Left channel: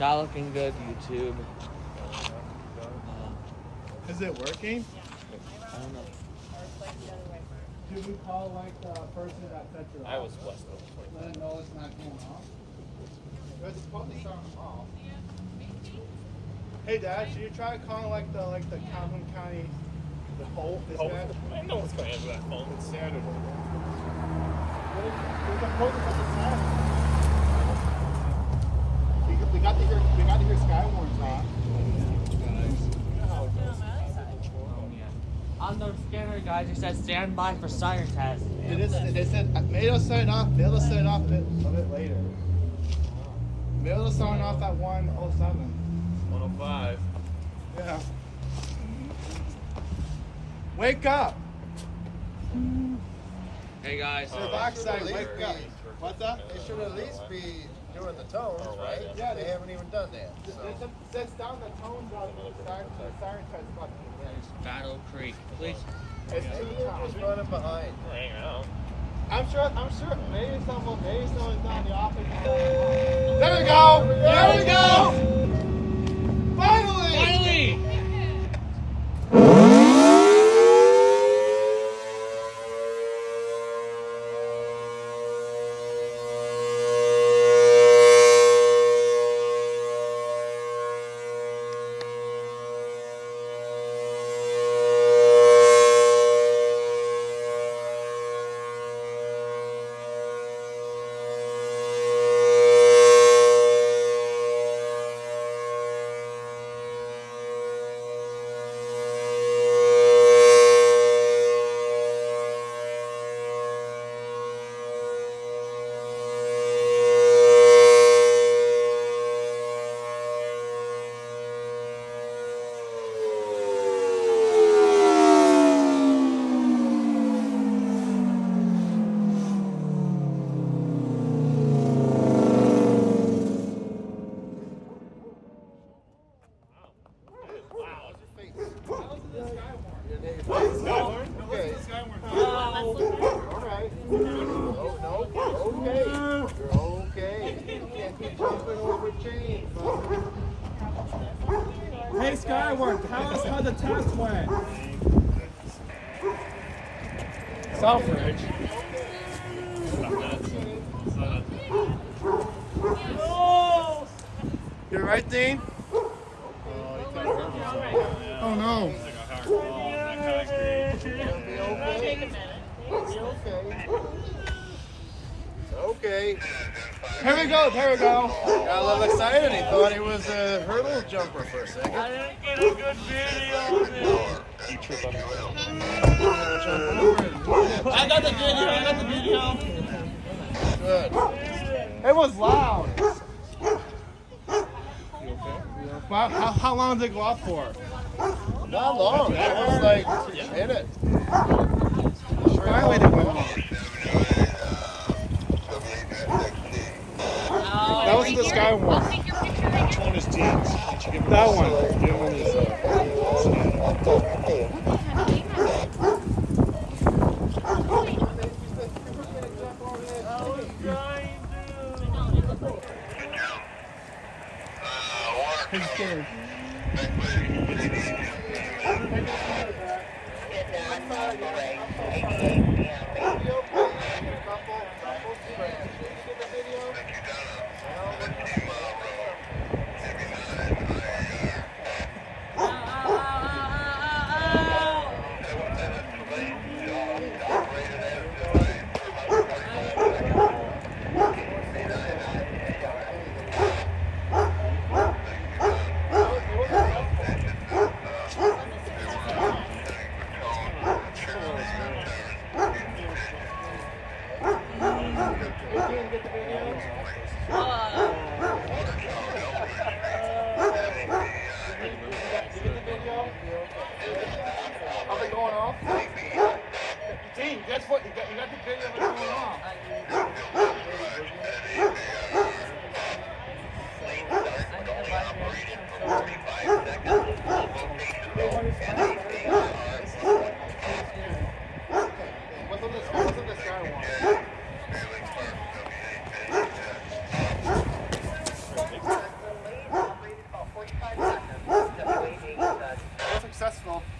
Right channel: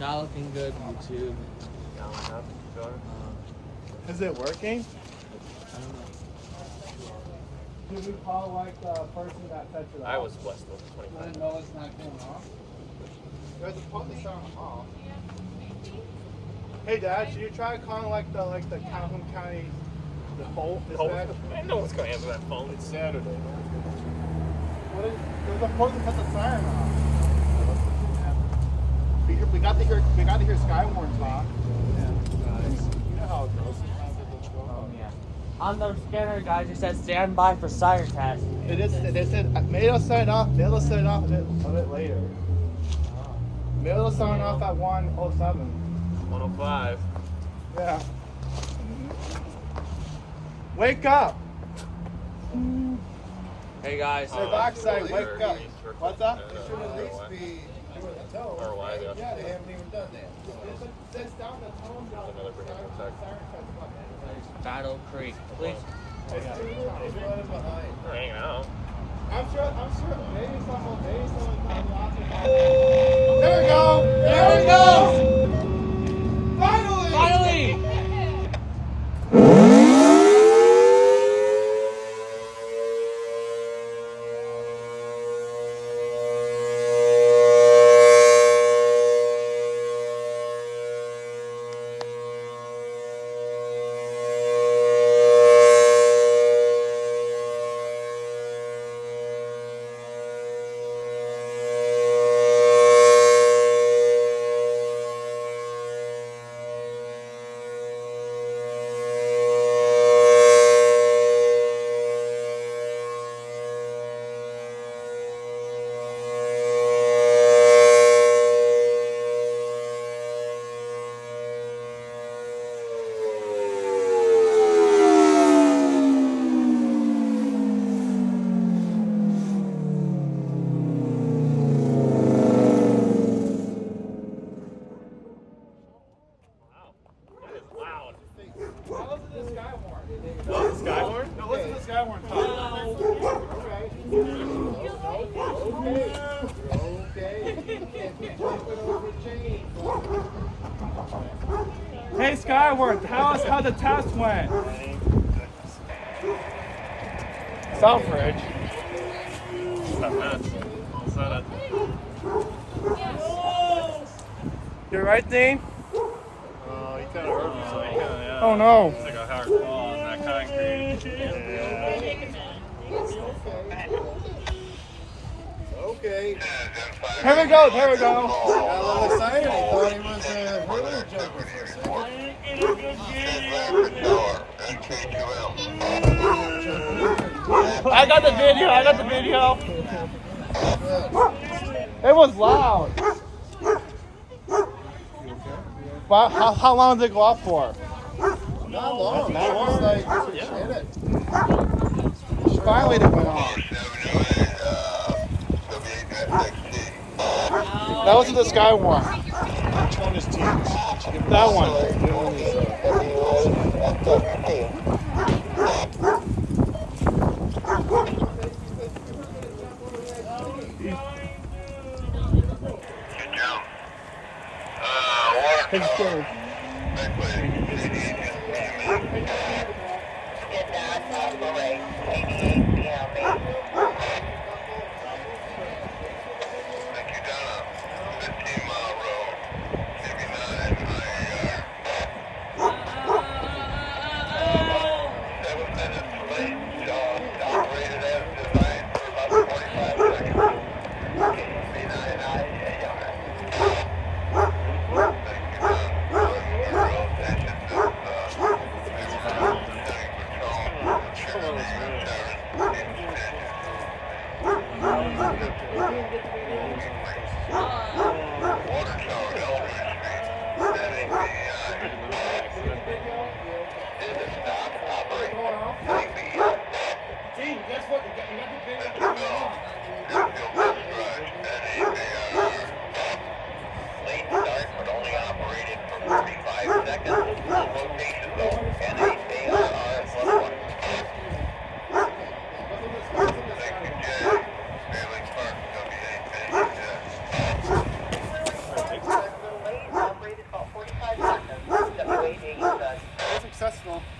Not looking good, YouTube. Is it working? I don't know. Should we call like the person that touched it off? I was blessed. No, it's not him, huh? There's a put this on off. Hey Dad, should you try calling like the Calhoun County dispatch? I know what's going to answer that phone. It's Saturday. We're supposed to put the siren. We got to hear Skywarn's on. On the scanner, guys, it says stand by for siren test. It is. Maybe it'll set it off. Maybe it'll set it off a bit later. Maybe it'll set it off at 1:07. 105. Yeah. Wake up! Hey guys. Hey, backside, wake up. What's that? It should at least be doing the tone, right? Yeah, They haven't even done that. It sets down the tone of the siren test button. Battle Creek, please. It's running behind. Hang out. I'm sure maybe someone down the office. There we go! There we go! Finally! Finally! Skywarn? Now listen to Skywarn. Hey Skywarn, tell us how the test went. Southridge. You're right, Dean? Oh no. It's like a hard wall in that concrete. Okay. Here we go, here we go. Got a little excited. He thought he was a hurdle jumper for a second. I got the video, It was loud. You okay? How long did it go off for? Not long. That was like a minute. Finally it went off. That was the Skywarn. Which one is Dean's? That one. He's scared. call.